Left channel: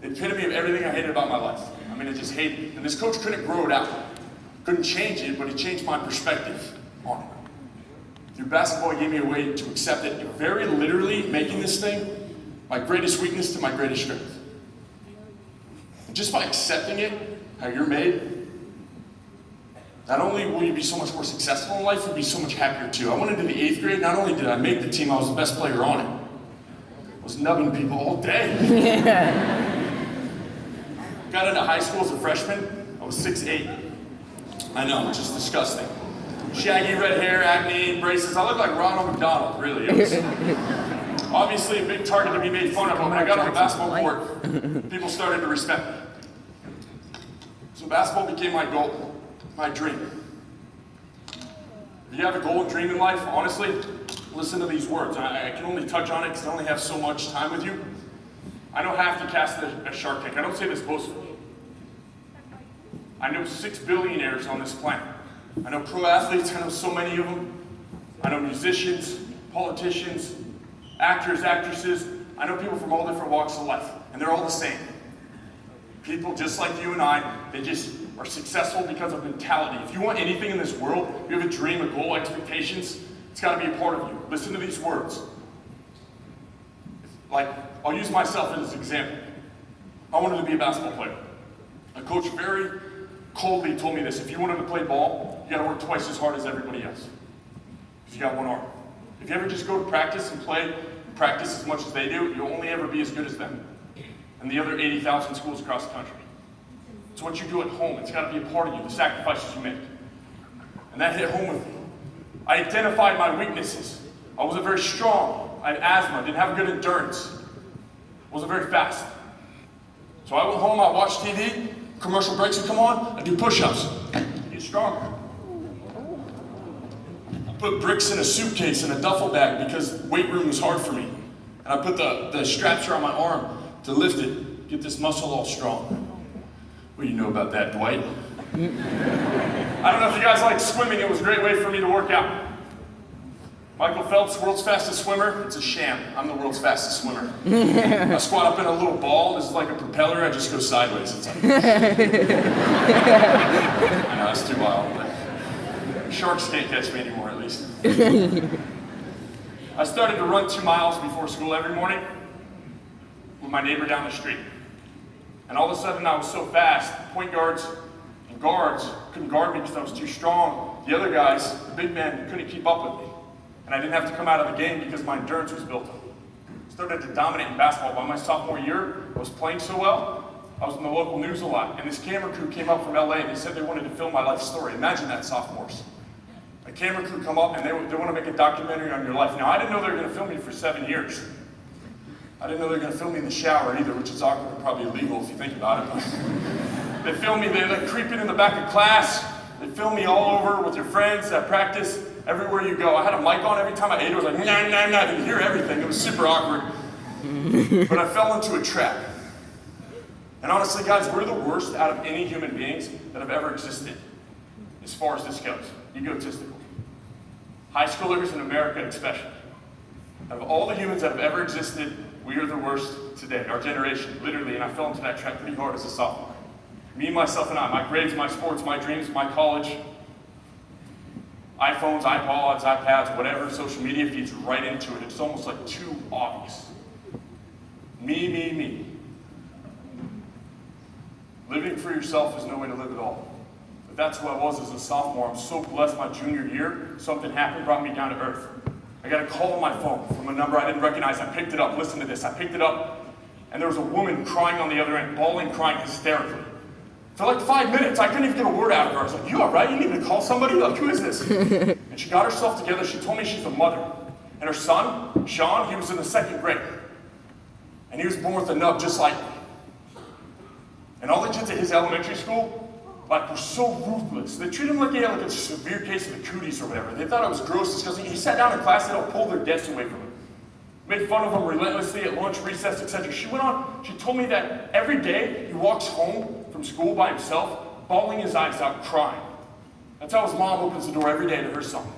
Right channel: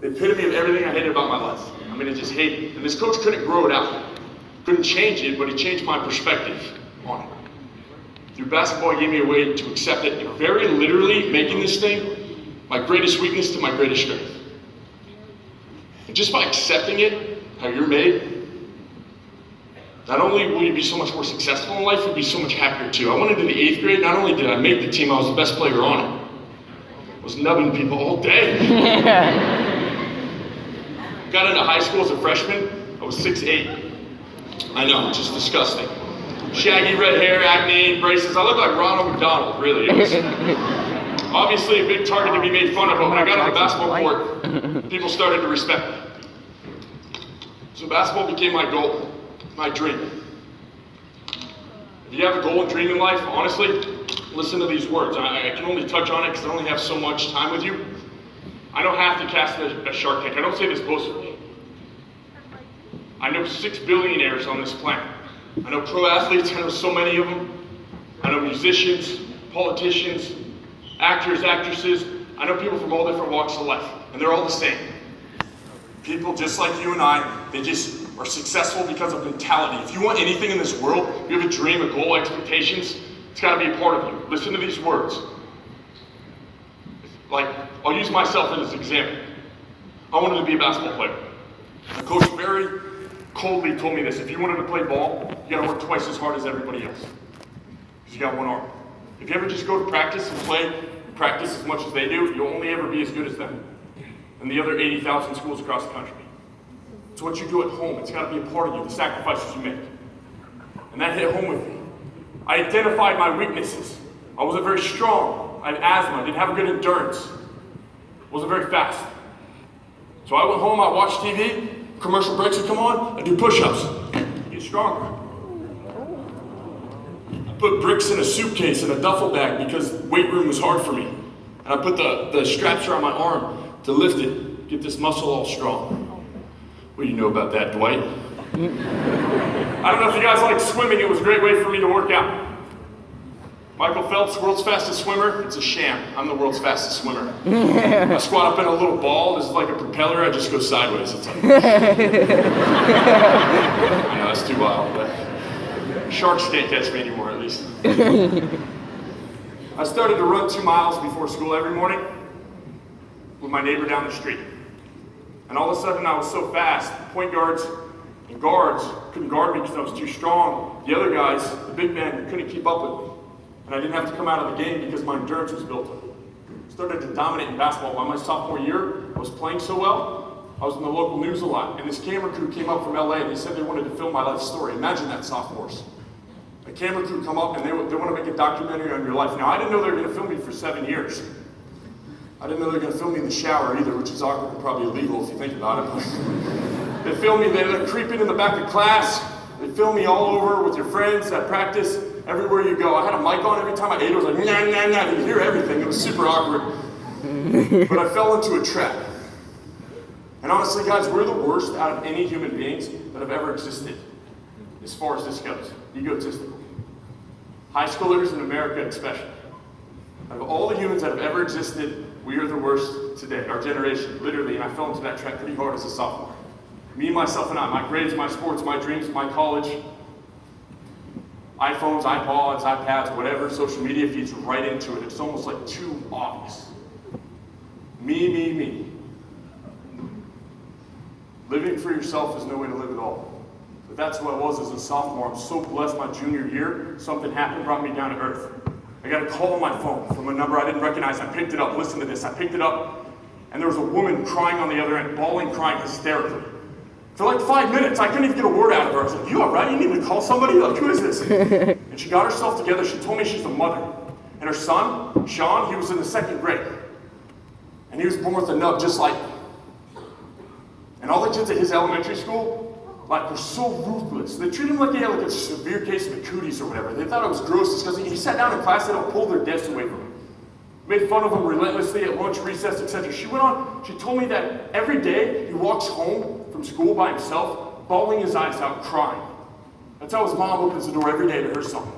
The epitome of everything I hated about my life. I mean, I just hated it. And this coach couldn't grow it out. Couldn't change it, but he changed my perspective on it. Through basketball, he gave me a way to accept it, very literally making this thing my greatest weakness to my greatest strength. And just by accepting it, how you're made, not only will you be so much more successful in life, you'll be so much happier too. I went into the 8th grade, not only did I make the team, I was the best player on it. I was nubbing people all day. Got into high school as a freshman, I was 6'8". I know, it's just disgusting. Shaggy red hair, acne, braces. I look like Ronald McDonald, really. It was obviously a big target to be made fun of, but when I got on the basketball court, people started to respect me. So basketball became my goal, my dream. If you have a goal and dream in life, honestly, listen to these words. I can only touch on it because I only have so much time with you. I don't have to cast a shark tank. I don't say this boastfully. I know 6 billionaires on this planet. I know pro athletes, I know so many of them. I know musicians, politicians, actors, actresses. I know people from all different walks of life, and they're all the same. People just like you and I, they just are successful because of mentality. If you want anything in this world, you have a dream, a goal, expectations, it's gotta be a part of you. Listen to these words. Like, I'll use myself as an example. I wanted to be a basketball player. My coach very coldly told me this: if you wanted to play ball, you gotta work twice as hard as everybody else. Because you got one arm. If you ever just go to practice and practice as much as they do, you'll only ever be as good as them and the other 80,000 schools across the country. It's what you do at home. It's gotta be a part of you, the sacrifices you make. And that hit home with me. I identified my weaknesses. I wasn't very strong. I had asthma, didn't have good endurance. Wasn't very fast. So I went home, I watched TV, commercial breaks would come on, I do push-ups. Get stronger. I put bricks in a suitcase in a duffel bag because weight room was hard for me. And I put the straps around my arm to lift it, get this muscle all strong. What do you know about that, Dwight? I don't know if you guys like swimming, it was a great way for me to work out. Michael Phelps, world's fastest swimmer, it's a sham. I'm the world's fastest swimmer. I squat up in a little ball, this is like a propeller, I just go sideways. It's like, I know, that's too wild, but sharks can't catch me anymore, at least. I started to run 2 miles before school every morning with my neighbor down the street. And all of a sudden I was so fast, point guards and guards couldn't guard me because I was too strong. The other guys, the big men, couldn't keep up with me. And I didn't have to come out of the game because my endurance was built up. I started to dominate in basketball. By my sophomore year, I was playing so well, I was in the local news a lot. And this camera crew came up from LA and they said they wanted to film my life story. Imagine that, sophomores. A camera crew come up and they want to make a documentary on your life. Now, I didn't know they were going to film me for 7 years. I didn't know they were going to film me in the shower either, which is awkward and probably illegal if you think about it. They filmed me, they're creeping in the back of class. They film me all over with your friends at practice, everywhere you go. I had a mic on every time I ate. It was like, nah, nah, nah. You could hear everything. It was super awkward. But I fell into a trap. And honestly, guys, we're the worst out of any human beings that have ever existed, as far as this goes, egotistical. High schoolers in America especially. Out of all the humans that have ever existed, we are the worst today, our generation, literally, and I fell into that trap pretty hard as a sophomore. Me, myself, and I, my grades, my sports, my dreams, my college, iPhones, iPods, iPads, whatever, social media feeds right into it. It's almost like too obvious. Me, me, me. Living for yourself is no way to live at all. But that's who I was as a sophomore. I'm so blessed my junior year, something happened, brought me down to earth. I got a call on my phone from a number I didn't recognize. I picked it up, listen to this. I picked it up, and there was a woman crying on the other end, bawling, crying hysterically. For like 5 minutes, I couldn't even get a word out of her. I was like, you all right? You need to call somebody? Like, who is this? And she got herself together. She told me she's a mother. And her son, Sean, he was in the 2nd grade. And he was born with a nub just like me. And all the kids at his elementary school, like, were so ruthless. They treated him like he had like a severe case of the cooties or whatever. They thought it was gross because he sat down in class and they'll pull their desks away from him. Made fun of him relentlessly at lunch, recess, etc. She told me that every day he walks home from school by himself, bawling his eyes out, crying. That's how his mom opens the door every day to her son.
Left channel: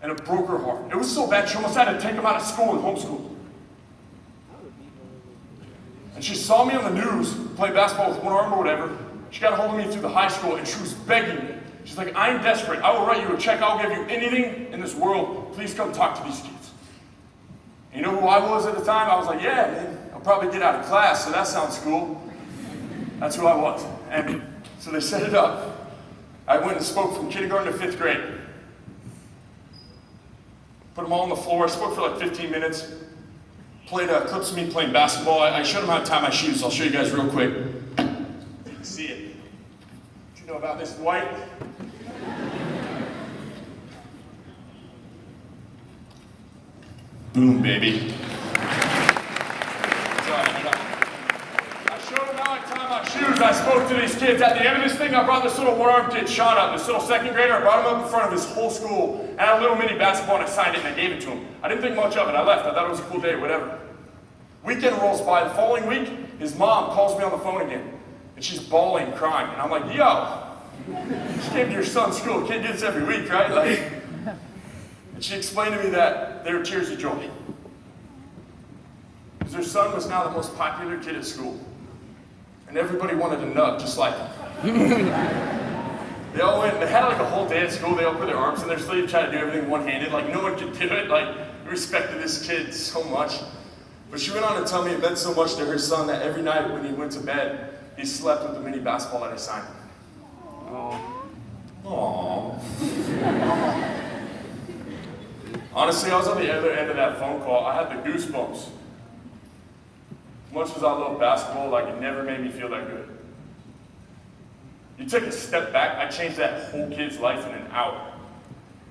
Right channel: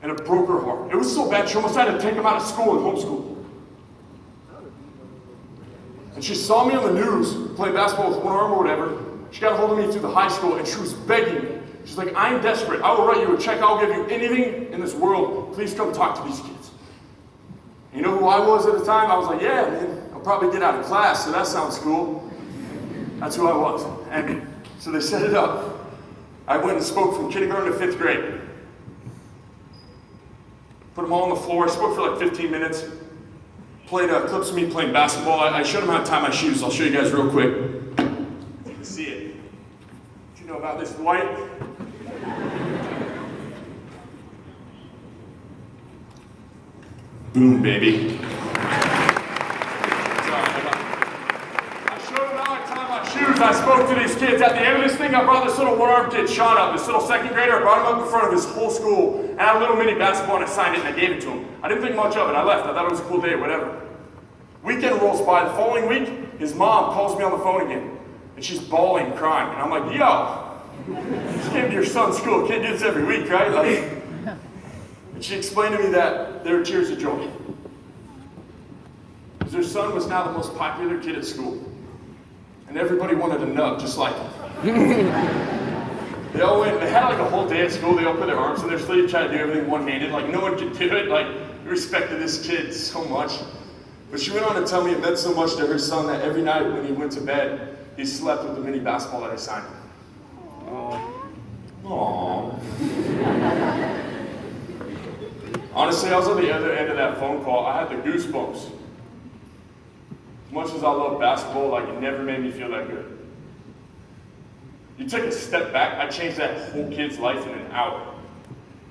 And it broke her heart. It was so bad, she almost had to take him out of school and homeschool him. And she saw me on the news play basketball with one arm or whatever. She got a hold of me through the high school, and she was begging me. She's like, I am desperate. I will write you a check. I'll give you anything in this world. Please come talk to these kids. You know who I was at the time? I was like, yeah, man, I'll probably get out of class, so that sounds cool. That's who I was. And so they set it up. I went and spoke from kindergarten to 5th grade. Put them all on the floor. I spoke for like 15 minutes. Played clips of me playing basketball. I showed them how to tie my shoes. I'll show you guys real quick. You can see it. What you know about this, Dwight? Boom, baby. I spoke to these kids. At the end of this thing, I brought this little one-armed kid, Sean, up, this little 2nd grader. I brought him up in front of his whole school, and I had a little mini basketball, and I signed it, and I gave it to him. I didn't think much of it. I left. I thought it was a cool day, whatever. Weekend rolls by. The following week, his mom calls me on the phone again, and she's bawling, crying. And I'm like, yo, you came to your son's school. Kid do this every week, right? And she explained to me that they were tears of joy. Because their son was now the most popular kid at school. And everybody wanted a nut just like him. They had like a whole day at school. They all put their arms in their sleeve, trying to do everything one-handed. Like no one could do it. Like we respected this kid so much. But she went on to tell me it meant so much to her son that every night when he went to bed, he slept with the mini basketball that I signed him. Aww. Honestly, I was on the other end of that phone call. I had the goosebumps. As much as I love basketball, like it never made me feel that good. You take a step back, I changed that whole kid's life in an hour.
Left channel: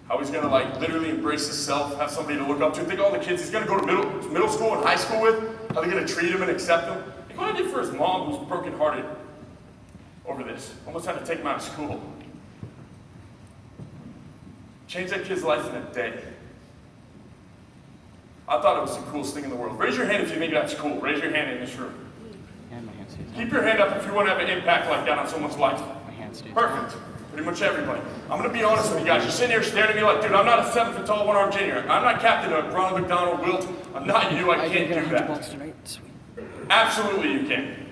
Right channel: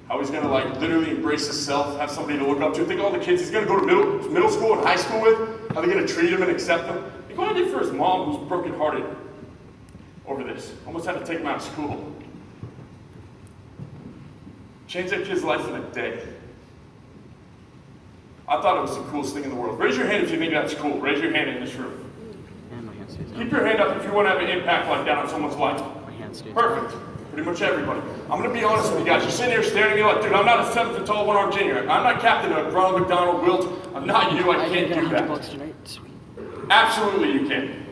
How he's gonna like literally embrace himself, have somebody to look up to. Think of all the kids he's gonna go to middle school and high school with, how they're gonna treat him and accept him. Think what I did for his mom who's brokenhearted over this. Almost had to take him out of school. Changed that kid's life in a day. I thought it was the coolest thing in the world. Raise your hand if you think that's cool. Raise your hand in this room. Keep your hand up if you want to have an impact like that on someone's life. Perfect. Pretty much everybody. I'm going to be honest with you guys. You're sitting here staring at me like, dude, I'm not a 7-foot tall one-armed junior. I'm not captain of Ronald McDonald Wilt. I'm not you. I can't do that. Absolutely you can.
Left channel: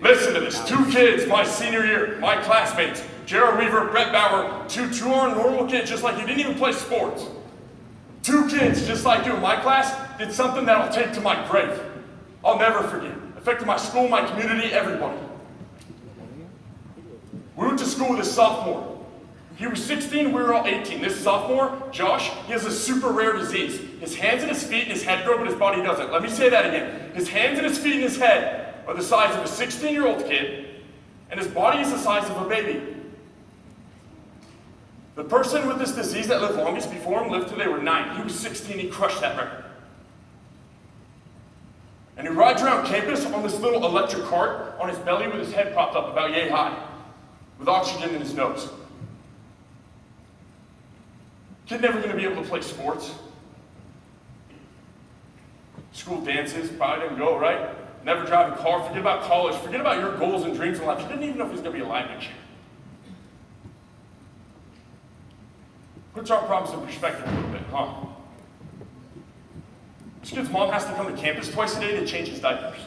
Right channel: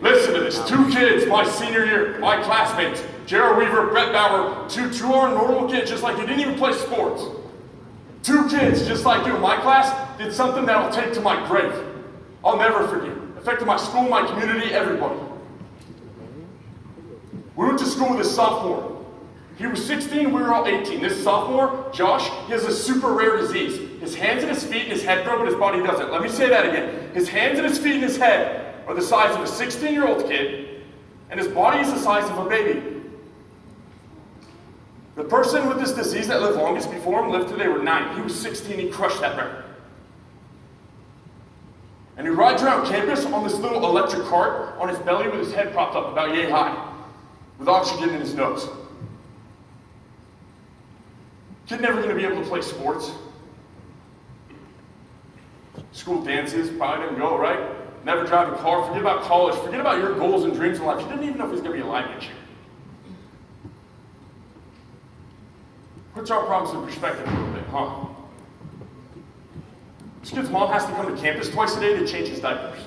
Listen to this. 2 kids my senior year, my classmates, Jared Weaver, Brett Bauer, two are normal kids just like you, didn't even play sports. 2 kids, just like you in my class, did something that I'll take to my grave. I'll never forget. Affected my school, my community, everybody. We went to school with a sophomore. He was 16, we were all 18. This sophomore, Josh, he has a super rare disease. His hands and his feet and his head grow, but his body doesn't. Let me say that again. His hands and his feet and his head are the size of a 16-year-old kid, and his body is the size of a baby. The person with this disease that lived longest before him lived till they were 9. He was 16, he crushed that record. And he rides around campus on this little electric cart on his belly with his head propped up about yay high, with oxygen in his nose. Kid never gonna be able to play sports. School dances, probably didn't go, right? Never drive a car, forget about college, forget about your goals and dreams in life. He didn't even know if he was gonna be alive next year. Puts our problems in perspective a little bit, huh? This kid's mom has to come to campus twice a day to change his diapers.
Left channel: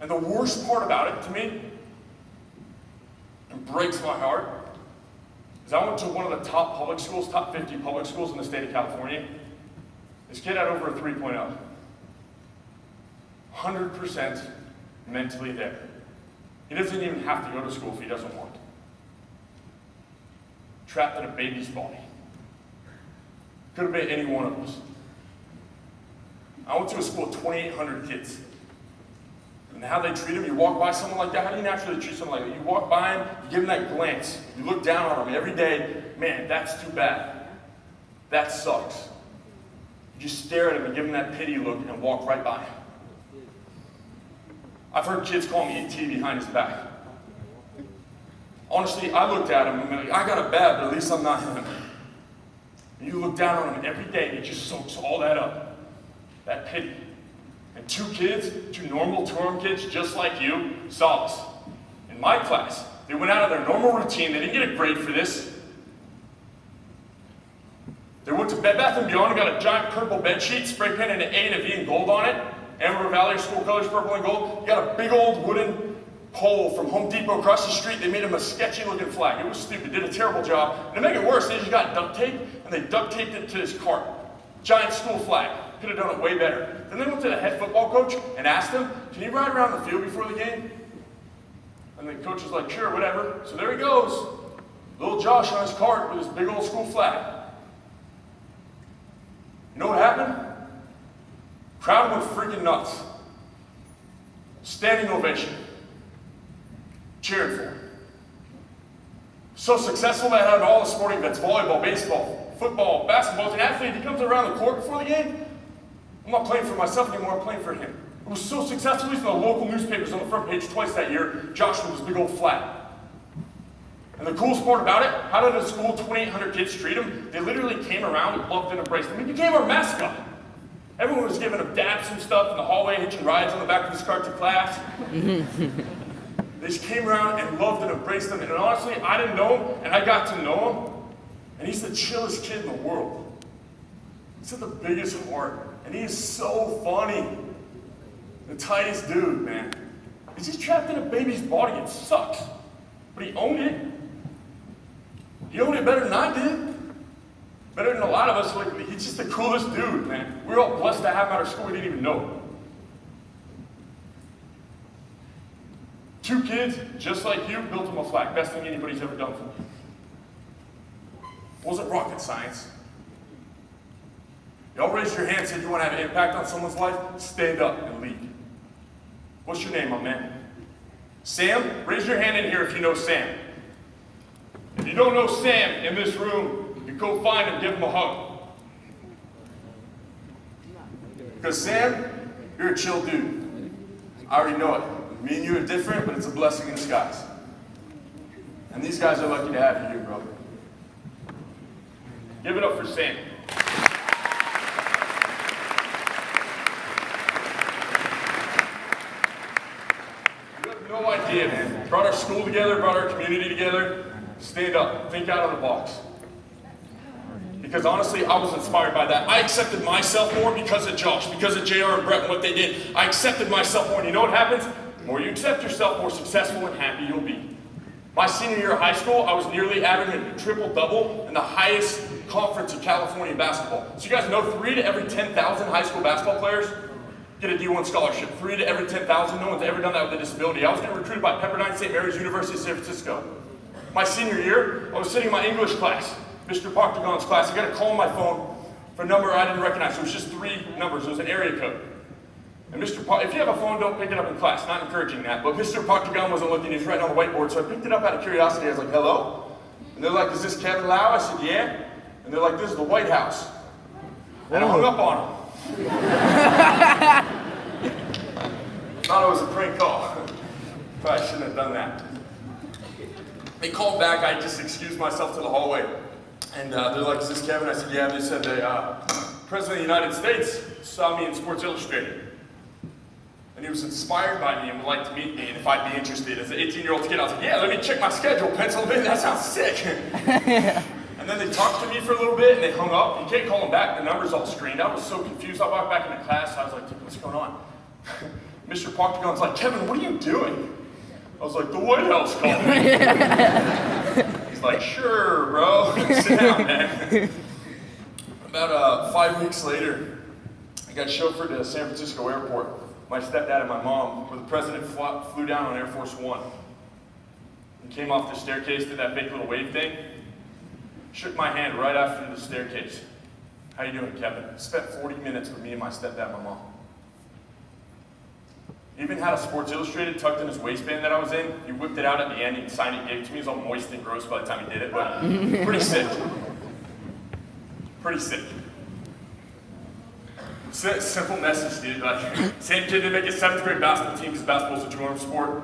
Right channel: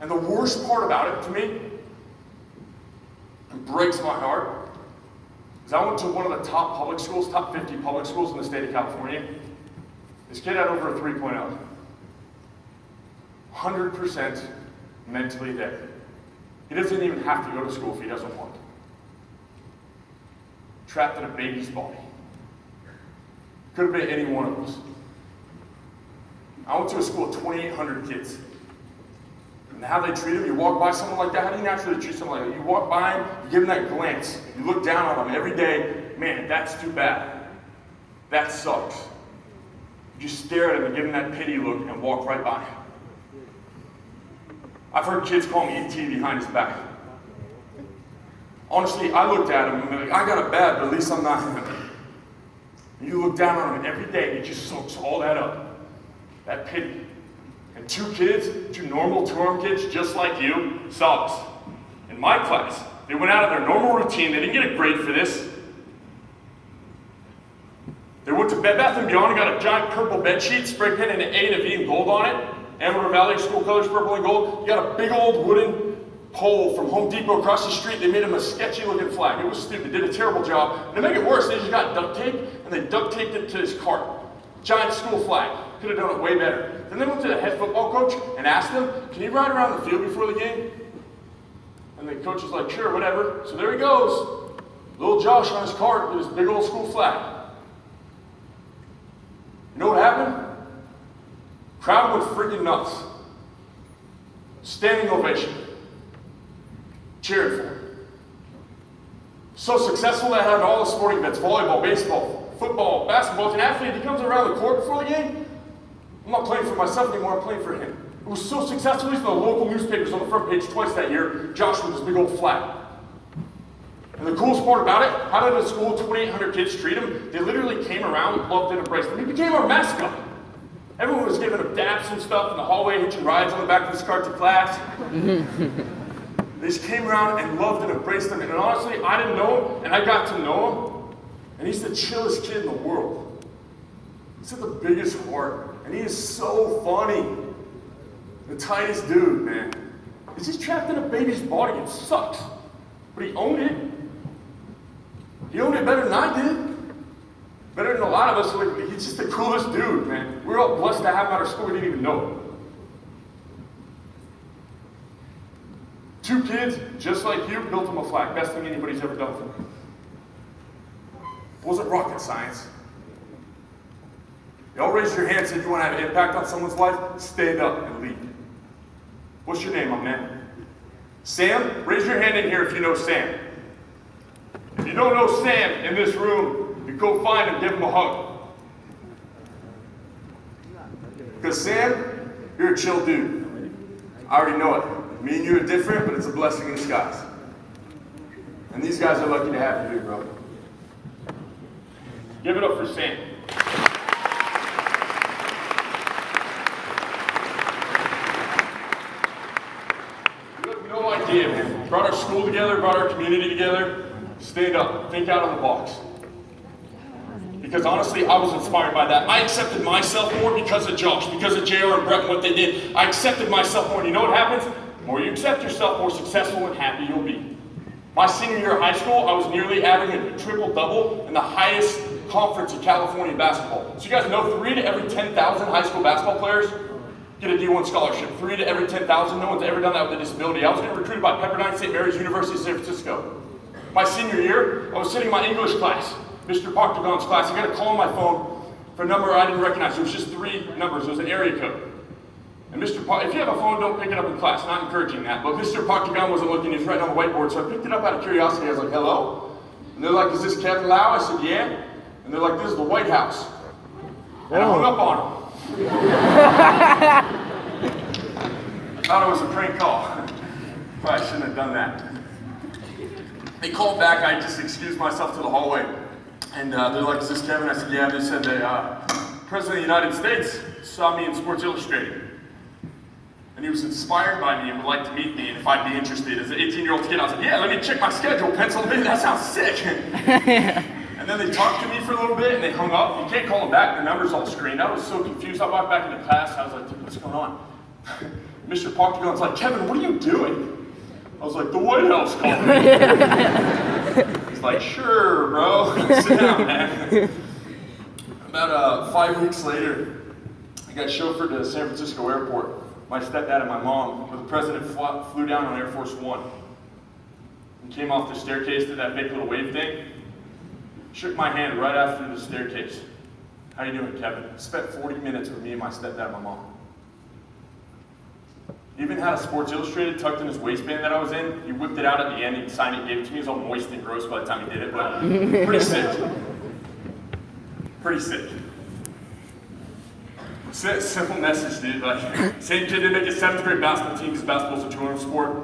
And the worst part about it to me, and breaks my heart, is I went to one of the top public schools, top 50 public schools in the state of California. This kid had over a 3.0. 100% mentally there. He doesn't even have to go to school if he doesn't want. Trapped in a baby's body. Could have been any one of us. I went to a school of 2,800 kids. And how they treat him, you walk by someone like that, how do you naturally treat someone like that? You walk by him, you give him that glance, you look down on him every day, man, that's too bad. That sucks. You just stare at him and give him that pity look and walk right by him. I've heard kids call me ET behind his back. Honestly, I looked at him and I'm like, I got it bad, but at least I'm not him. You look down on him every day, and it just soaks all that up. That pity. And 2 kids, 2 normal two-armed kids just like you, saw us. In my class, they went out of their normal routine, they didn't get a grade for this. They went to Bed Bath & Beyond and got a giant purple bed sheet, spray painted an A and a V in gold on it. Amarillo Valley school colors, purple and gold. You got a big old wooden pole from Home Depot across the street. They made him a sketchy looking flag. It was stupid, did a terrible job. And to make it worse, they just got duct tape and they duct taped it to his cart. Giant school flag. Could have done it way better. Then they went to the head football coach and asked him, can you ride around the field before the game? And the coach was like, sure, whatever. So there he goes. Little Josh on his cart with his big old school flag. You know what happened? Crowd went freaking nuts. Standing ovation. Cheering for him. So successful that had all the sporting events, volleyball, baseball, football, basketball. As an athlete, he comes around the court before the game. I'm not playing for myself anymore, I'm playing for him. It was so successful, he's in the local newspapers on the front page twice that year, Josh with his big old flag. And the coolest part about it, how did the school 2,800 kids treat him? They literally came around, loved and embraced him. He became our mascot. Everyone was giving him daps and stuff in the hallway, hitching rides on the back of his cart to class. They just came around and loved and embraced him. And honestly, I didn't know him, and I got to know him. And he's the chillest kid in the world. He's got the biggest heart. And he is so funny. The tightest dude, man. He's just trapped in a baby's body. It sucks. But he owned it. He owned it better than I did. Better than a lot of us. Like, he's just the coolest dude, man. We're all blessed to have him at our school. We didn't even know it. 2 kids, just like you, built him a flag. Best thing anybody's ever done for me. It wasn't rocket science. Y'all raise your hand, said you want to have an impact on someone's life? Stand up and lead. What's your name, my man? Sam? Raise your hand in here if you know Sam. If you don't know Sam in this room, you go find him, give him a hug. Because Sam, you're a chill dude. I already know it. Me and you are different, but it's a blessing in disguise. And these guys are lucky to have you here, bro. Give it up for Sam. No idea, man. Brought our school together, brought our community together. Stand up, think out of the box. Because honestly, I was inspired by that. I accepted myself more because of Josh, because of JR and Brett and what they did. I accepted myself more, and you know what happens? The more you accept yourself, more successful and happy you'll be. My senior year of high school, I was nearly averaging a triple-double in the highest conference in California basketball. So you guys know 3 to every 10,000 high school basketball players get a D1 scholarship. 3 to every 10,000. No one's ever done that with a disability. I was getting recruited by Pepperdine St. Mary's University of San Francisco. My senior year, I was sitting in my English class, Mr. Partagon's class. I got a call on my phone for a number I didn't recognize. It was just 3 numbers. It was an area code. And if you have a phone, don't pick it up in class. Not encouraging that. But Mr. Partagon wasn't looking. He was writing on the whiteboard. So I picked it up out of curiosity. I was like, hello? And they're like, is this Kevin Laue? I said, yeah. And they're like, this is the White House. And I hung up on them. Thought it was a prank call. Probably shouldn't have done that. They called back. I just excused myself to the hallway. And they're like, is this Kevin? I said, yeah. They said the President of the United States saw me in Sports Illustrated. And he was inspired by me and would like to meet me and if I'd be interested. As an 18-year-old kid, I was like, yeah, let me check my schedule. Pennsylvania, that sounds sick. And then they talked to me for a little bit and they hung up. You can't call them back. Their number's all screened. I was so confused. I walked back into class. I was like, what's going on? Mr. Partagon's like, Kevin, what are you doing? I was like, the White House called me. He's like, sure, bro. Sit down, man. About 5 weeks later, I got chauffeured to San Francisco airport. My stepdad and my mom, where the president flew down on Air Force One. He came off the staircase, did that big little wave thing. Shook my hand right after the staircase. How you doing, Kevin? Spent 40 minutes with me and my stepdad and my mom. Even had a Sports Illustrated tucked in his waistband that I was in. He whipped it out at the end and signed it, gave it to me. It was all moist and gross by the time he did it, but pretty sick. Pretty sick. Simple message, dude. Like, same kid to make a 7th grade basketball team because basketball's a two-arm sport.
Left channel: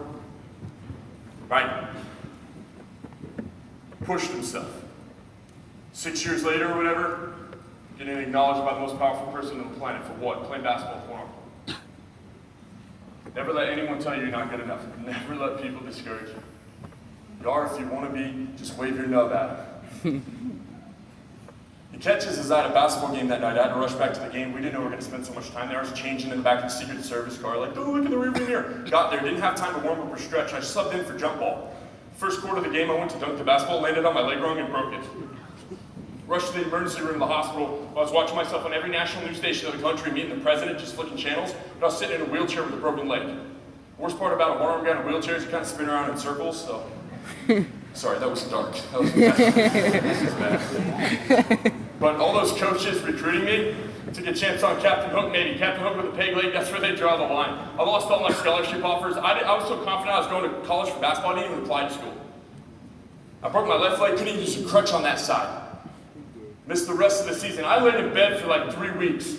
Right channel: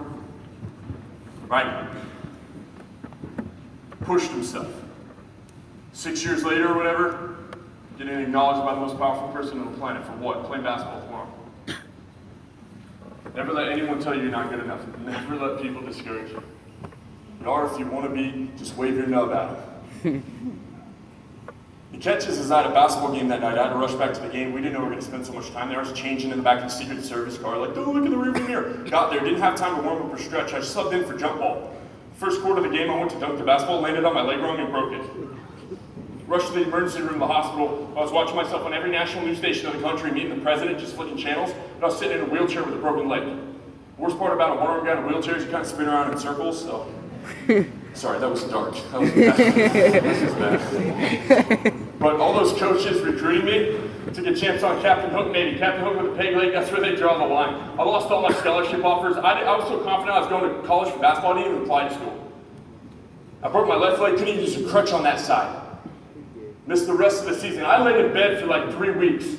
Right? Pushed himself. 6 years later or whatever, getting acknowledged by the most powerful person on the planet for what? Playing basketball for him. Never let anyone tell you you're not good enough. Never let people discourage you. But or if you want to be, just wave your nub at them. The catch is I had a basketball game that night. I had to rush back to the game. We didn't know we were going to spend so much time there. I was changing in the back of the Secret Service car, like, don't look in the rearview mirror. Got there, didn't have time to warm up or stretch. I subbed in for jump ball. First quarter of the game, I went to dunk the basketball, landed on my leg wrong and broke it. Rushed to the emergency room of the hospital. I was watching myself on every national news station of the country, meeting the president, just flicking channels, but I was sitting in a wheelchair with a broken leg. Worst part about a one-arm guy in a wheelchair is you kind of spin around in circles, so. Sorry, that was dark. That was bad. This is bad. But all those coaches recruiting me took a chance on Captain Hook, maybe. Captain Hook with a peg leg, that's where they draw the line. I lost all my scholarship offers. I was so confident I was going to college for basketball, I didn't even apply to school. I broke my left leg, couldn't even use a crutch on that side. Missed the rest of the season. I laid in bed for like 3 weeks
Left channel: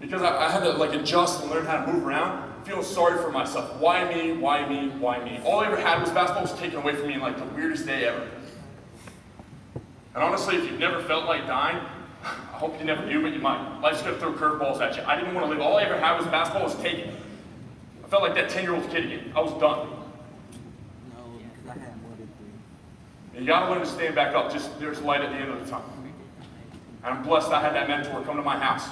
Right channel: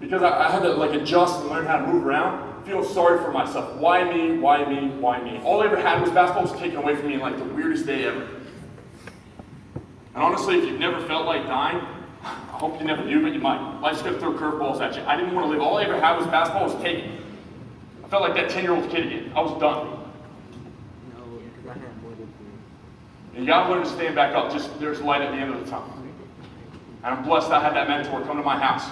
because I had to like adjust and learn how to move around. Feel sorry for myself. Why me? Why me? Why me? All I ever had was basketball was taken away from me in like the weirdest day ever. And honestly, if you've never felt like dying, I hope you never do, but you might. Life's gonna throw curveballs at you. I didn't want to live. All I ever had was basketball was taken. I felt like that 10-year-old kid again. I was done. You gotta learn to stand back up. Just there's light at the end of the tunnel. And I'm blessed I had that mentor come to my house.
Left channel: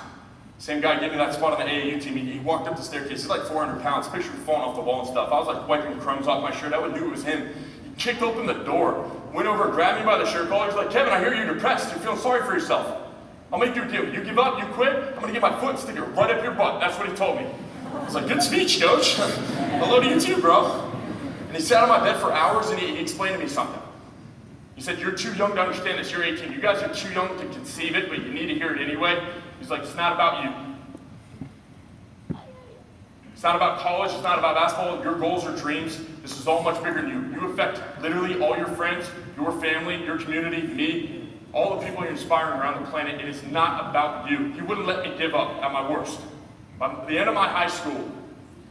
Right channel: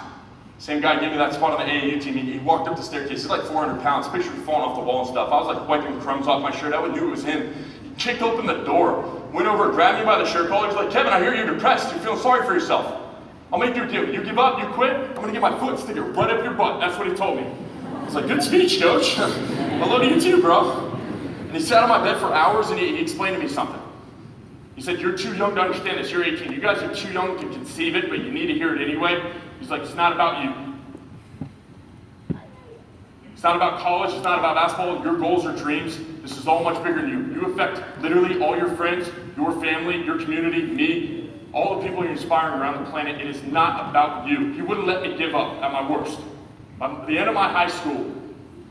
Same guy gave me that spot on the AAU team. He walked up the staircase. He's like 400 pounds. Picture me falling off the wall and stuff. I was like wiping crumbs off my shirt. I would knew it was him. He kicked open the door, went over, grabbed me by the shirt collar. He's like, Kevin, I hear you're depressed. You're feeling sorry for yourself. I'll make you a deal. You give up, you quit, I'm gonna get my foot and stick it right up your butt. That's what he told me. I was like, good speech, coach. Hello to you too, bro. And he sat on my bed for hours and he explained to me something. He said, you're too young to understand this. You're 18. You guys are too young to conceive it, but you need to hear it anyway. He's like, it's not about you. It's not about college, it's not about basketball, your goals or dreams. This is all much bigger than you. You affect literally all your friends, your family, your community, me, all the people you're inspiring around the planet. It is not about you. He wouldn't let me give up at my worst. By the end of my high school,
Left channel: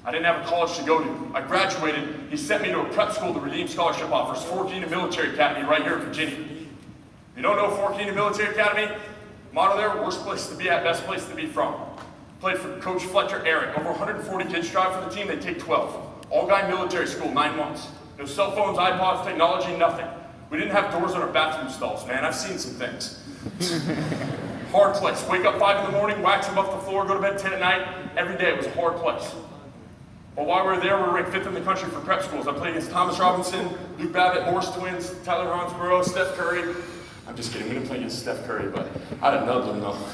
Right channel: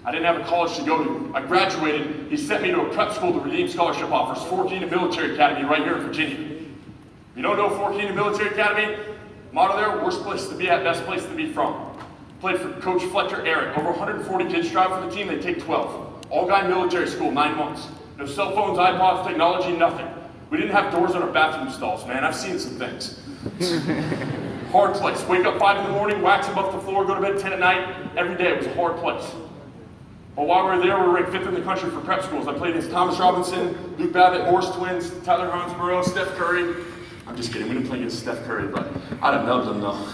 I didn't have a college to go to. I graduated, he sent me to a prep school to redeem scholarship offers, Fort Keene Military Academy right here in Virginia. If you don't know Fort Keene Military Academy, motto there, worst place to be at, best place to be from. Played for Coach Fletcher Eric. Over 140 kids strive for the team, they take 12. All-guy military school, 9 months. No cell phones, iPods, technology, nothing. We didn't have doors on our bathroom stalls, man. I've seen some things. Hard place. Wake up 5 in the morning, wax them up the floor, go to bed 10 at night. Every day it was a hard place. But while we were there, we were ranked 5th in the country for prep schools. I played against Thomas Robinson, Luke Babbitt, Morris Twins, Tyler Hansborough, Steph Curry. I'm just kidding, we didn't play against Steph Curry, but I'd have nubbed them though.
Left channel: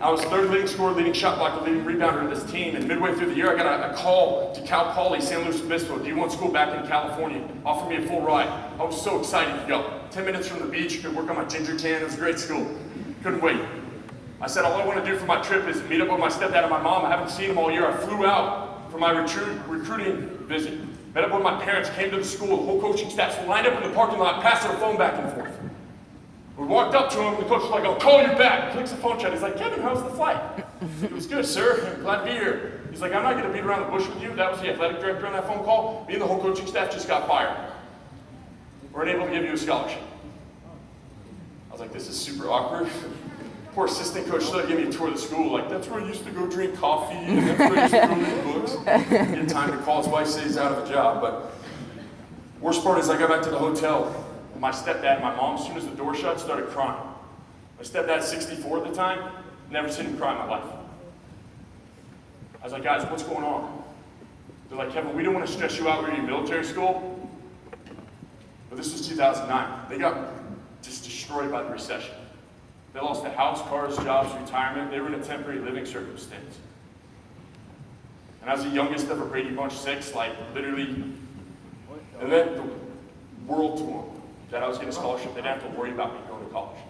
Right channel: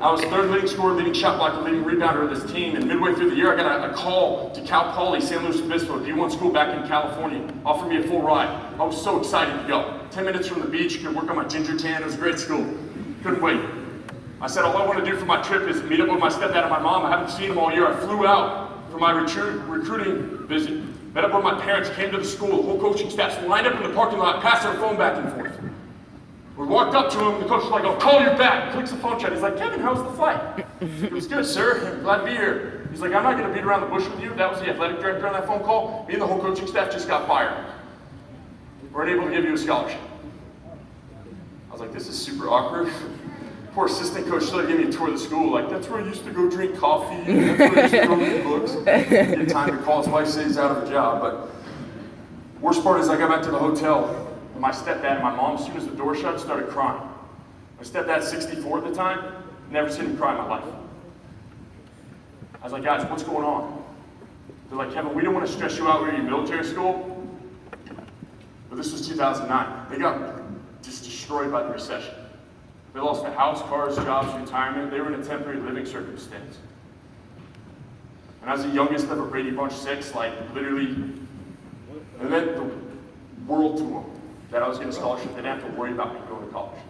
I was 3rd leading scorer, leading shot blocker, leading rebounder of this team, and midway through the year, I got a call to Cal Poly, San Luis Obispo, D1 school back in California, offered me a full ride. I was so excited to go. 10 minutes from the beach, could work on my ginger tan, it was a great school. Couldn't wait. I said, all I want to do for my trip is meet up with my stepdad and my mom. I haven't seen them all year. I flew out for my recruiting visit. Met up with my parents, came to the school, the whole coaching staff lined up in the parking lot, passing the phone back and forth. We walked up to him, and the coach was like, I'll call you back. Clicks the phone chat. He's like, Kevin, how's the flight? It was good, sir. Glad to be here. He's like, I'm not going to beat around the bush with you. That was the athletic director on that phone call. Me and the whole coaching staff just got fired. We're unable to give you a scholarship. I was like, this is super awkward. Poor assistant coach started giving me a tour of the school. Like, that's where I used to go drink coffee. And that's where I used to go read books. Get time to call his wife, say he's out of a job. But worst part is I got back to the hotel. My stepdad and my mom, as soon as the door shut, started crying. My stepdad's 64 at the time, never seen him cry in my life. I was like, guys, what's going on? They're like, Kevin, we don't want to stress you out. We're in military school. But this was 2009. They got just destroyed by the recession. They lost a house, cars, jobs, retirement. They were in a temporary living circumstance. And as the youngest of a Brady Bunch 6, like literally, it meant the world to them that I was getting a scholarship. They didn't have to worry about me going to college.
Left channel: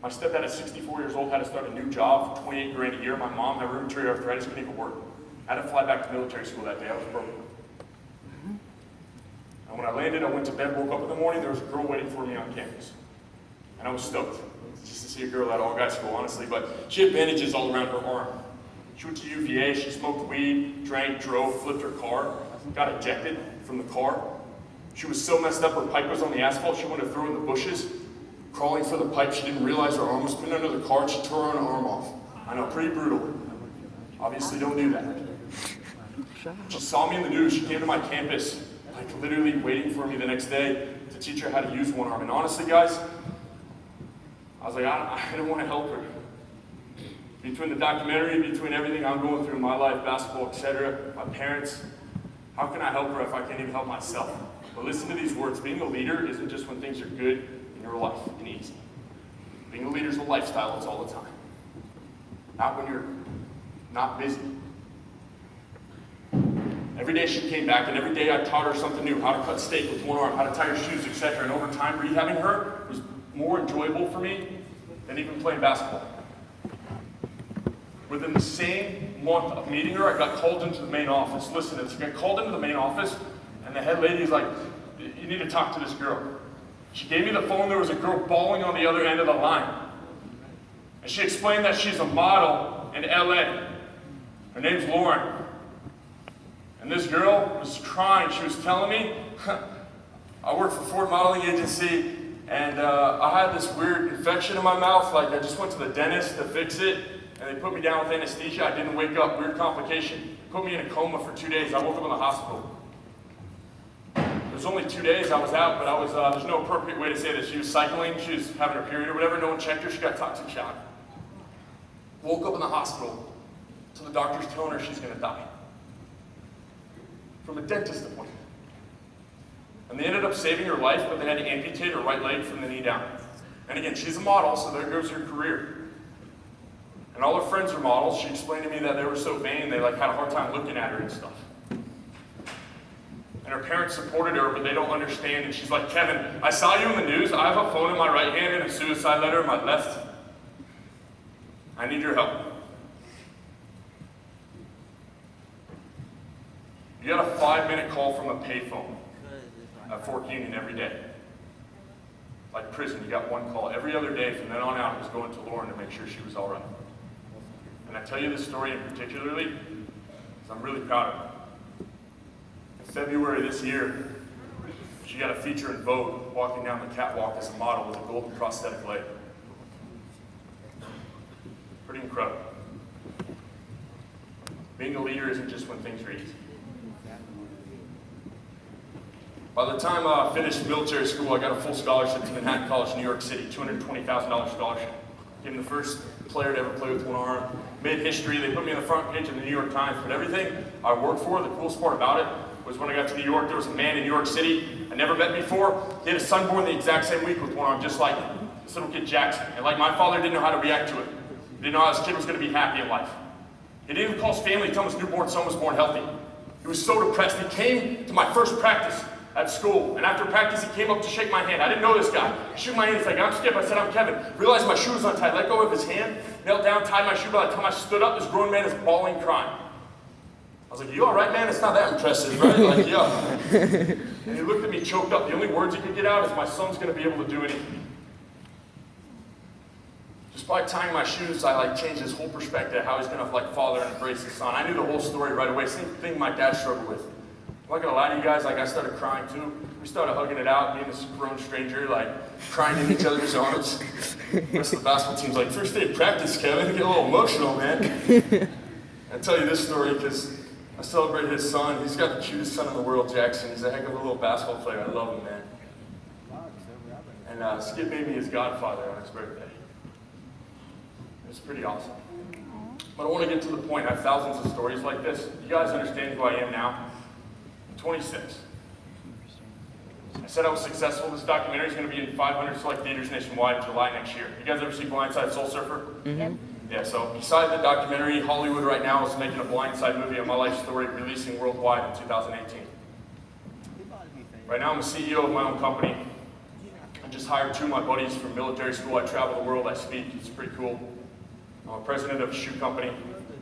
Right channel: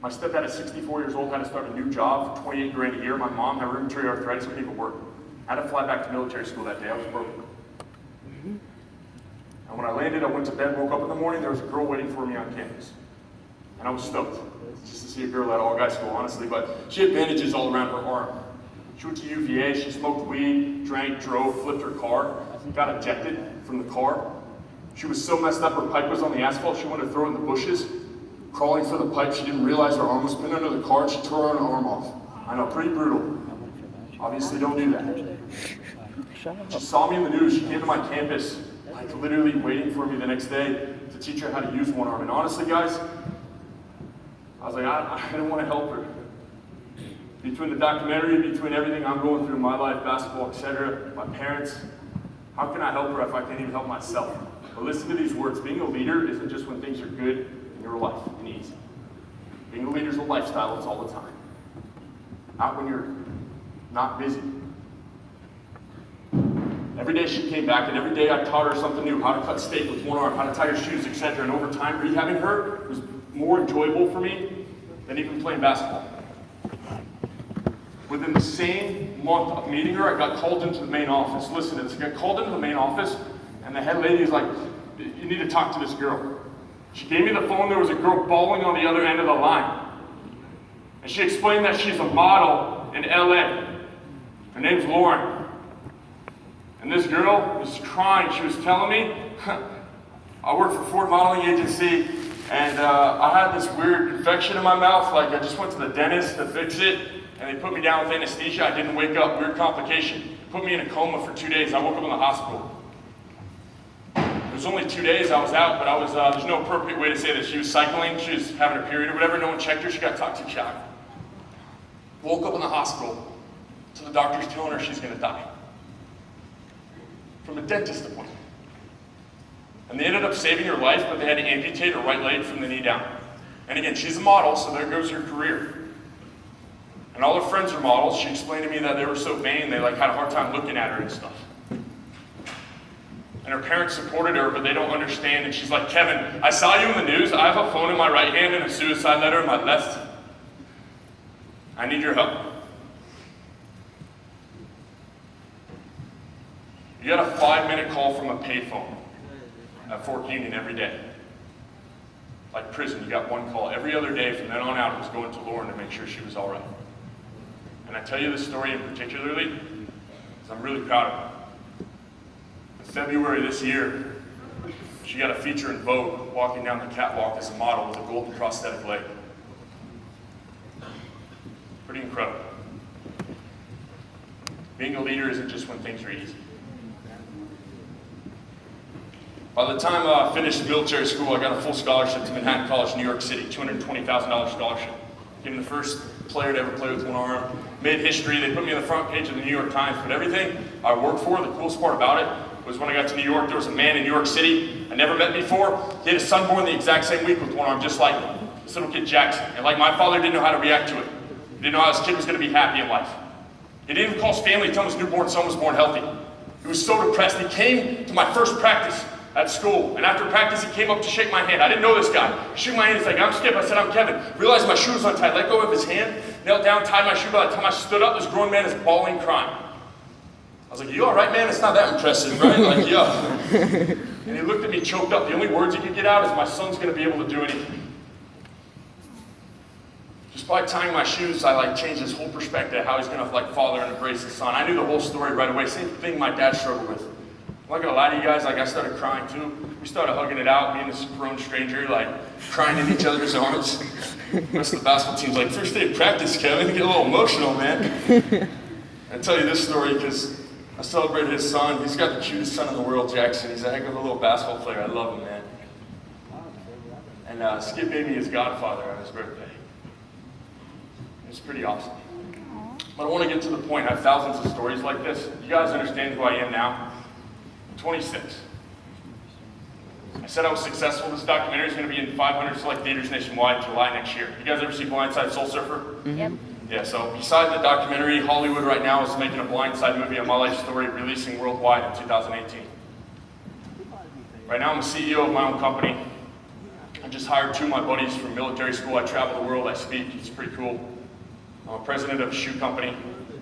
My stepdad at 64 years old had to start a new job for 28 grand a year. My mom had rheumatoid arthritis, couldn't even work. I had to fly back to military school that day. I was broken. And when I landed, I went to bed, woke up in the morning, there was a girl waiting for me on campus. And I was stoked just to see a girl at all-guy school, honestly, but she had bandages all around her arm. She went to UVA, she smoked weed, drank, drove, flipped her car, got ejected from the car. She was so messed up, her pipe was on the asphalt, she wanted to throw it in the bushes. Crawling for the pipe, she didn't realize her arm was pinned under the car, she tore her own arm off. I know, pretty brutal. Obviously don't do that. She saw me in the news, she came to my campus, like literally waiting for me the next day. to teach her how to use one arm. And honestly, guys, I was like, I don't want to help her. Between the documentary, between everything I'm going through in my life, basketball, etc., my parents, how can I help her if I can't even help myself? But listen to these words. Being a leader isn't just when things are good in your life and easy. Being a leader is a lifestyle. It's all the time. Not when you're not busy. Every day she came back, and every day I taught her something new, how to cut steak with one arm, how to tie your shoes, etc. And over time, rehabbing her was more enjoyable for me than even playing basketball. Within the same month of meeting her, I got called into the main office. Listen to this. I got called into the main office, and the head lady is like, you need to talk to this girl. She gave me the phone. There was a girl bawling on the other end of the line. And she explained that she's a model in LA. Her name's Lauren. And this girl was crying. She was telling me, I work for Ford Modeling Agency, and I had this weird infection in my mouth. Like, I just went to the dentist to fix it, and they put me down with anesthesia. I didn't wake up. Weird complication. Put me in a coma for 2 days. I woke up in the hospital. It was only 2 days I was out, but I was, there's no appropriate way to say this. She was cycling. She was having her period or whatever. No one checked her. She got toxic shock. Woke up in the hospital. So the doctor's telling her she's going to die. From a dentist appointment. And they ended up saving her life, but they had to amputate her right leg from the knee down. And again, she's a model, so there goes her career. And all her friends are models. She explained to me that they were so vain, they had a hard time looking at her and stuff. And her parents supported her, but they don't understand. And she's like, Kevin, I saw you in the news. I have a phone in my right hand and a suicide letter in my left. I need your help. You got a 5-minute call from a payphone at Fort Union every day. Like prison, you got one call. Every other day from then on out, it was going to Lauren to make sure she was all right. And I tell you this story in particularly because I'm really proud of her. In February this year, she got a feature in Vogue walking down the catwalk as a model with a golden prosthetic leg. Pretty incredible. Being a leader isn't just when things are easy. By the time I finished military school, I got a full scholarship to Manhattan College, New York City, $220,000 scholarship. Became the first player to ever play with one arm. Made history. They put me on the front page of the New York Times. But everything I worked for, the coolest part about it, was when I got to New York, there was a man in New York City I never met before. He had a son born the exact same week with one arm, just like him. This little kid, Jackson. And like my father, didn't know how to react to it. Didn't know how his kid was going to be happy in life. He didn't even call his family to tell him his newborn son was born healthy. He was so depressed. He came to my first practice at school, and after practice, he came up to shake my hand. I didn't know this guy. Shook my hand. He's like, I'm Skip. I said, I'm Kevin. Realized my shoe was untied. Let go of his hand, knelt down, tied my shoe. By the time I stood up, this grown man is bawling, crying. I was like, you all right, man? It's not that impressive, right? Like, yeah. And he looked at me, choked up. The only words he could get out is, my son's going to be able to do anything. Just by tying my shoes, I changed his whole perspective, how he's going to father and embrace his son. I knew the whole story right away. Same thing my dad struggled with. I'm not gonna lie to you guys, I started crying too. We started hugging it out, me and this grown stranger, crying in each other's arms. The rest of the basketball team's like, first day of practice, Kevin, get a little emotional, man. I tell you this story because I celebrated his son. He's got the cutest son in the world, Jackson. He's a heck of a little basketball player. I love him, man. And Skip made me his godfather on his birthday. It was pretty awesome. But I want to get to the point. I have thousands of stories like this. You guys understand who I am now? 26. I said I was successful. This documentary is going to be in 500 select theaters nationwide July next year. You guys ever see Blindside Soul Surfer? Yep. Yeah, so beside the documentary, Hollywood right now is making a Blindside movie on my life story, releasing worldwide in 2018. Right now I'm the CEO of my own company. I just hired 2 of my buddies from military school. I travel the world, I speak, it's pretty cool. I'm a president of a shoe company.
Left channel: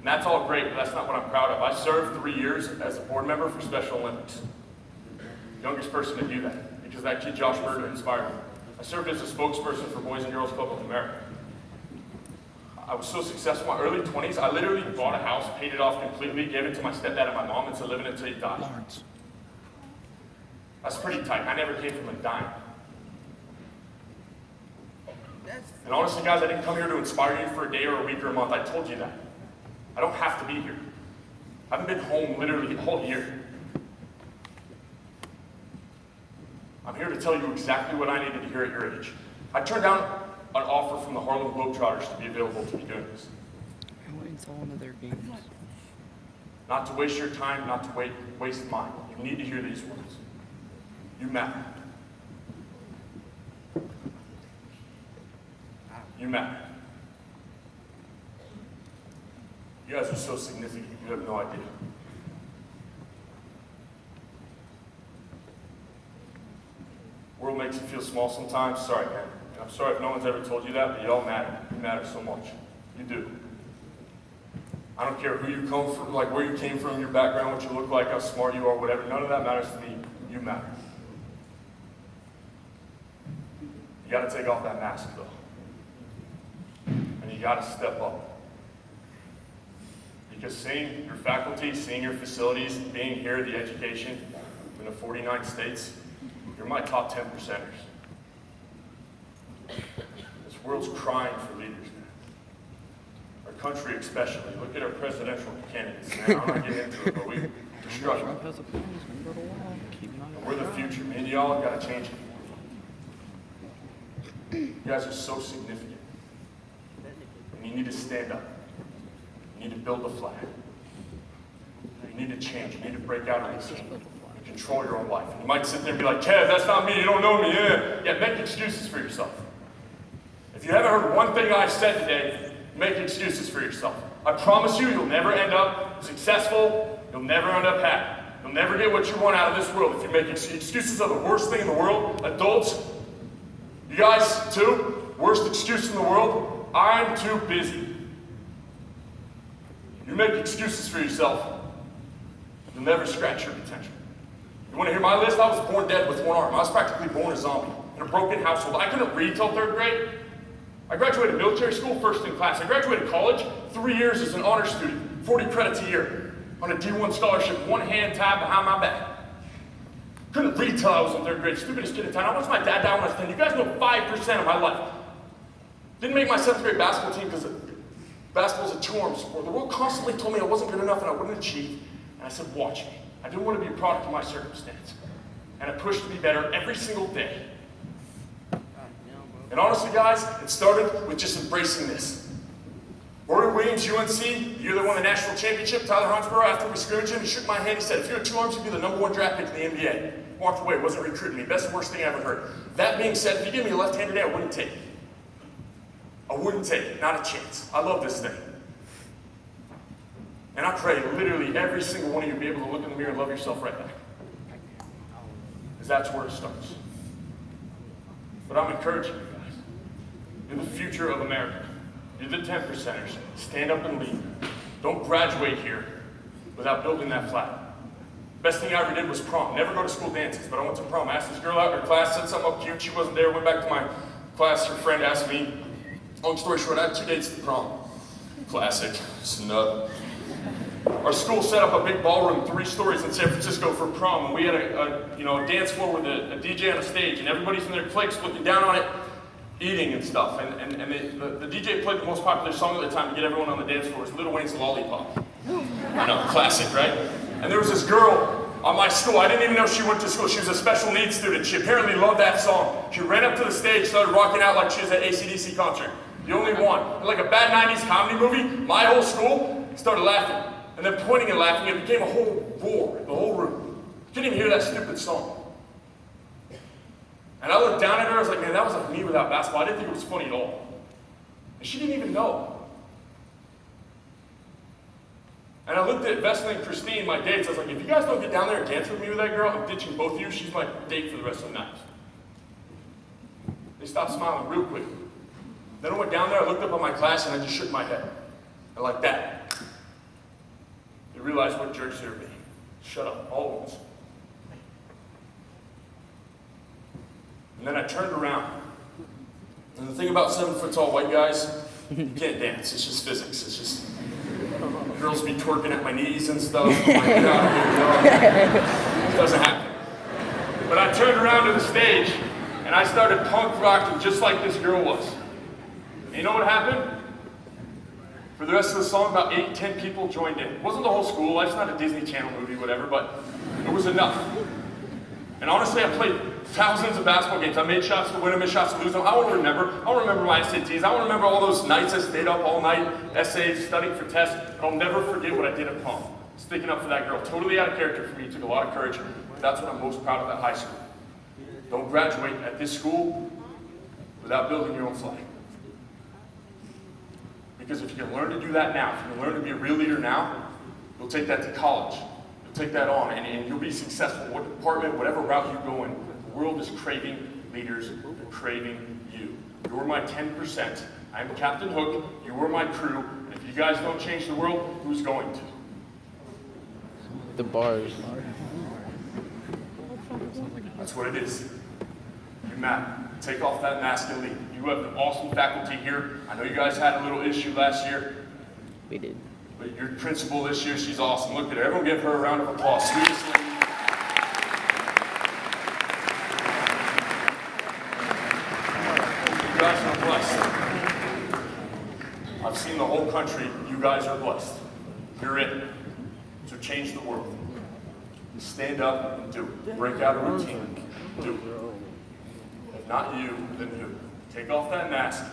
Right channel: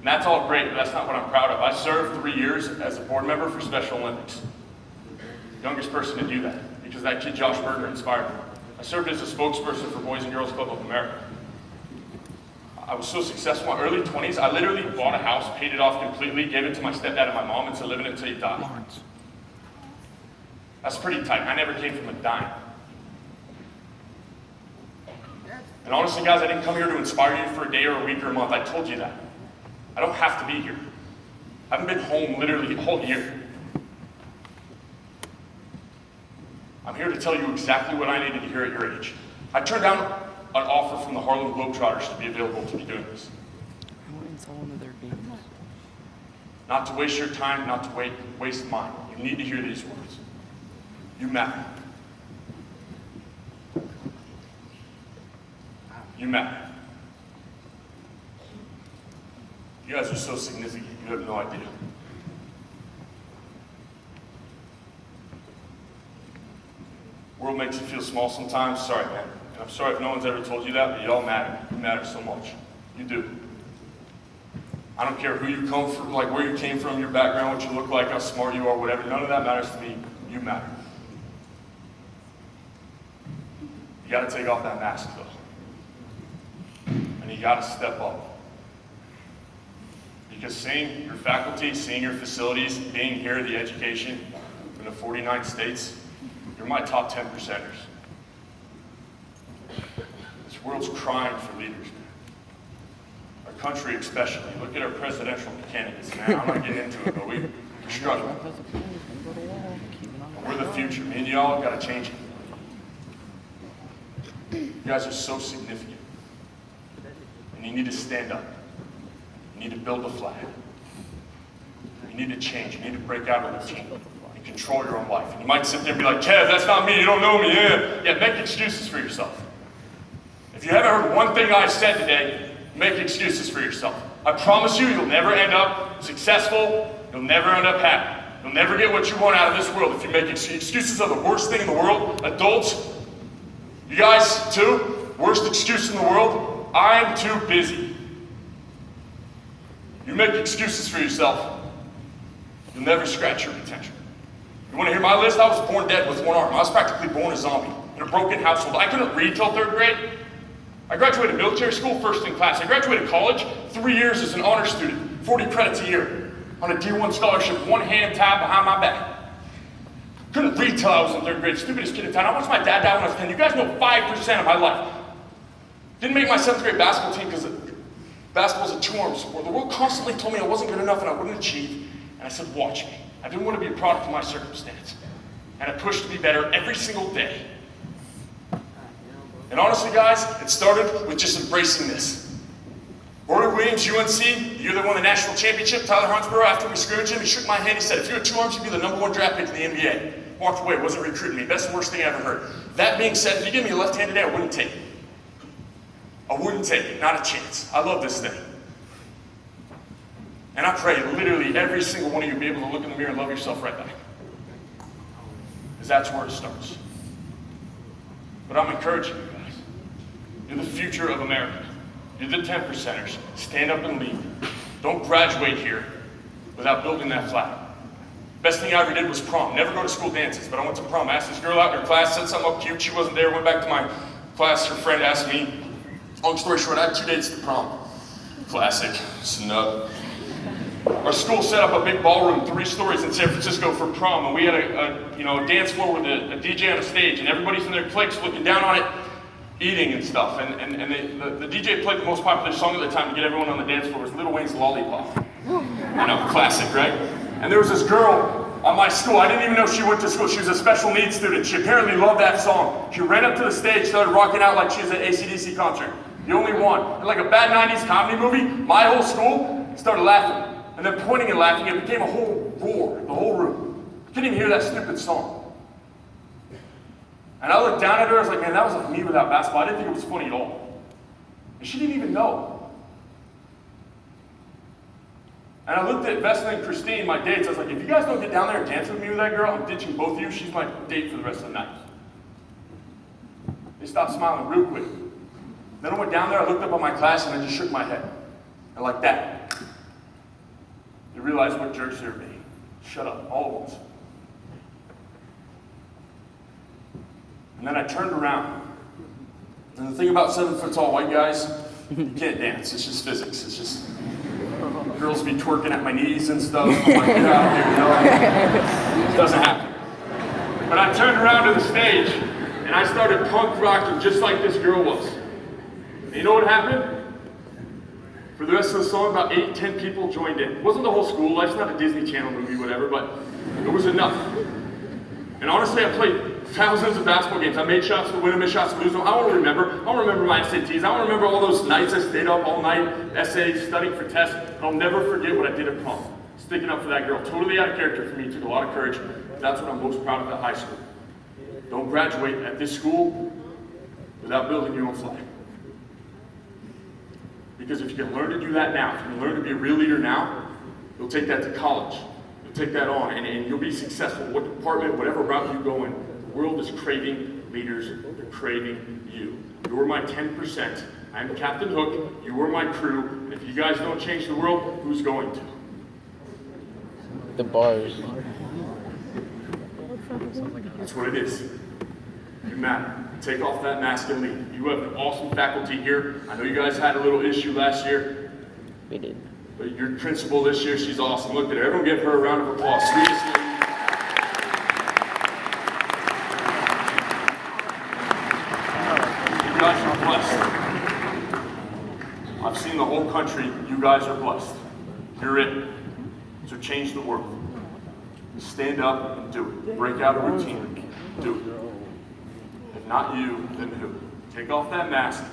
And that's all great, but that's not what I'm proud of. I served 3 years as a board member for Special Olympics. Youngest person to do that, because that kid Josh Berger inspired me. I served as a spokesperson for Boys and Girls Club of America. I was so successful in my early 20s, I literally bought a house, paid it off completely, gave it to my stepdad and my mom, and said, live in it until you die. That's pretty tight. I never came from a dime. And honestly, guys, I didn't come here to inspire you for a day or a week or a month. I told you that. I don't have to be here. I haven't been home literally a whole year. I'm here to tell you exactly what I needed to hear at your age. I turned down an offer from the Harlem Globetrotters to be available to be doing this. Not to waste your time, not to waste mine. You need to hear these words. You matter. You matter. You guys are so significant, you have no idea. World makes you feel small sometimes. Sorry, man. And I'm sorry if no one's ever told you that, but you all matter. You matter so much. You do. I don't care who you come from, like where you came from, your background, what you look like, how smart you are, whatever. None of that matters to me. You matter. You got to take off that mask, though. And you got to step up. Because seeing your faculty, seeing your facilities, being here, the education in the 49 states, you're my top 10 percenters. This world's crying for leaders. Our country especially. Look at our presidential candidates, man. I'm not getting into it, but we're struggling. We're the future. Me and y'all have got to change it. You guys are so significant. And you need to stand up. You need to build the flag. You need to change. You need to break out of the team and control your own life. And you might sit there and be like, Kev, that's not me. You don't know me. Yeah, make excuses for yourself. If you haven't heard one thing I've said today, make excuses for yourself. I promise you, you'll never end up successful. You'll never end up happy. You'll never get what you want out of this world if you make excuses. Excuses are the worst thing in the world. Adults, you guys too, worst excuse in the world, I'm too busy. You make excuses for yourself, you'll never scratch your potential. You want to hear my list? I was born dead with one arm. I was practically born a zombie in a broken household. I couldn't read till 3rd grade. I graduated military school first in class. I graduated college 3 years as an honor student, 40 credits a year, on a D1 scholarship, one hand tied behind my back. Couldn't read till I was in 3rd grade. Stupidest kid in town. I watched my dad die when I was 10. You guys know 5% of my life. Didn't make my 7th grade basketball team because basketball's a 2-arm sport. The world constantly told me I wasn't good enough and I wouldn't achieve. And I said, watch me. I didn't want to be a product of my circumstance. And I pushed to be better every single day. And honestly, guys, it started with just embracing this. Rory Williams, UNC, the year they won the national championship, Tyler Hansborough, after we scrimmaged him, he shook my hand, he said, if you had 2 arms, you'd be the #1 draft pick in the NBA. Walked away, wasn't recruiting me. Best and worst thing I ever heard. That being said, if you give me a left hand today, I wouldn't take it. I wouldn't take it, not a chance. I love this thing. And I pray literally every single one of you be able to look in the mirror and love yourself right back. Because that's where it starts. But I'm encouraging you guys. You're the future of America. You're the 10 percenters. Stand up and lead. Don't graduate here without building that flag. Best thing I ever did was prom. Never go to school dances, but I went to prom. I asked this girl out in her class, said something up cute. She wasn't there. Went back to my class. Her friend asked me. Long story short, I had 2 dates to prom. Classic. Snub. Our school set up a big ballroom 3 stories in San Francisco for prom, and we had a dance floor with a DJ on a stage, and everybody's in their cliques looking down on it, eating and stuff. And the DJ played the most popular song at the time to get everyone on the dance floor was Lil Wayne's Lollipop. I know, classic, right? And there was this girl on my school. I didn't even know she went to school. She was a special needs student. She apparently loved that song. She ran up to the stage, started rocking out like she was at an AC/DC concert. The only one. And like a bad 90s comedy movie, my whole school started laughing. And then pointing and laughing, it became a whole roar in the whole room. You couldn't even hear that stupid song. And I looked down at her, I was like, man, that was like me without basketball. I didn't think it was funny at all. And she didn't even know. And I looked at Vesna and Christine, my dates, I was like, if you guys don't get down there and dance with me with that girl, I'm ditching both of you. She's my date for the rest of the night. They stopped smiling real quick. Then I went down there, I looked up at my class, and I just shook my head. And like that. You realize what jerks they were being. Shut up, all at once. And then I turned around. And the thing about 7-foot-tall white guys, you can't dance. It's just physics. It's just girls be twerking at my knees and stuff. I'm like, get out of here, It doesn't happen. But I turned around to the stage, and I started punk rocking just like this girl was. And you know what happened? For the rest of the song, about 8-10 people joined in. It wasn't the whole school. It's not a Disney Channel movie, whatever, but it was enough. And honestly, I played thousands of basketball games. I made shots to win them, made shots to lose them. I want to remember. I want to remember my SATs. I want to remember all those nights I stayed up all night, essays, studying for tests. I'll never forget what I did at prom. Sticking up for that girl. Totally out of character for me. Took a lot of courage. That's what I'm most proud of at high school. Don't graduate at this school without building your own flag. Because if you can learn to do that now, if you can learn to be a real leader now, you'll take that to college. You'll take that on, and you'll be successful. What department, whatever route you go in, the world is craving leaders. They're craving you. You're my 10%. I'm Captain Hook. You are my crew. And if you guys don't change the world, who's going to? The bars. That's what it is. You matter. Take off that mask and lead. You have an awesome faculty here. I know you guys had a little issue last year. We did. But your principal this year, she's awesome. Look at her. Everyone give her a round of applause. Sweetest lady. You guys are blessed. I've seen the whole country. You guys are blessed. You're it. So change the world. Stand up and do it. Break out a routine. Do it. If not you, then who? Take off that mask.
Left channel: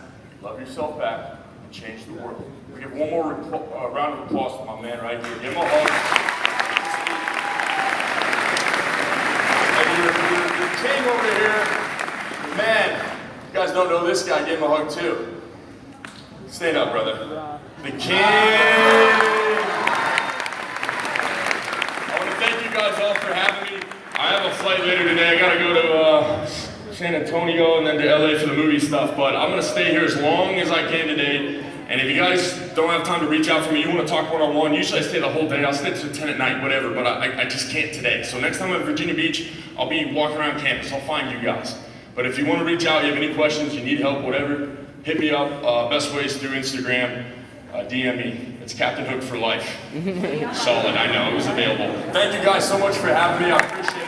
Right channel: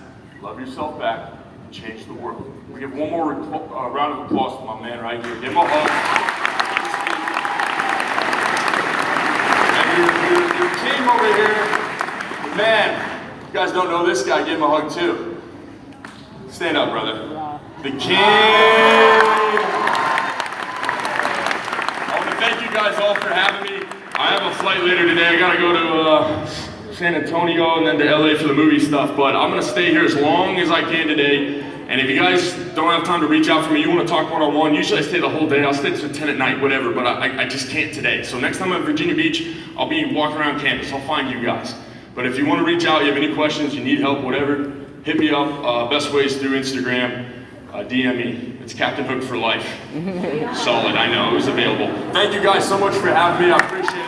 Love yourself back. And change the world. We give one more round of applause to my man right here. Give him a hug. And your king over here, man, you guys don't know this guy. Give him a hug too. Stand up, brother. The king. Thank you guys all for having me. I have a flight later today. I gotta go to San Antonio and then to LA for the movie stuff, but I'm gonna stay here as long as I can today. And if you guys don't have time to reach out for me, you wanna talk one-on-one, usually I stay the whole day. I'll stay till 10 at night, whatever, but I just can't today. So next time I'm at Virginia Beach, I'll be walking around campus. I'll find you guys. But if you wanna reach out, you have any questions, you need help, whatever, hit me up. Best ways through Instagram. DM me. It's Captain Hook for life. Solid, I know. It was available. Thank you guys so much for having me. I appreciate it.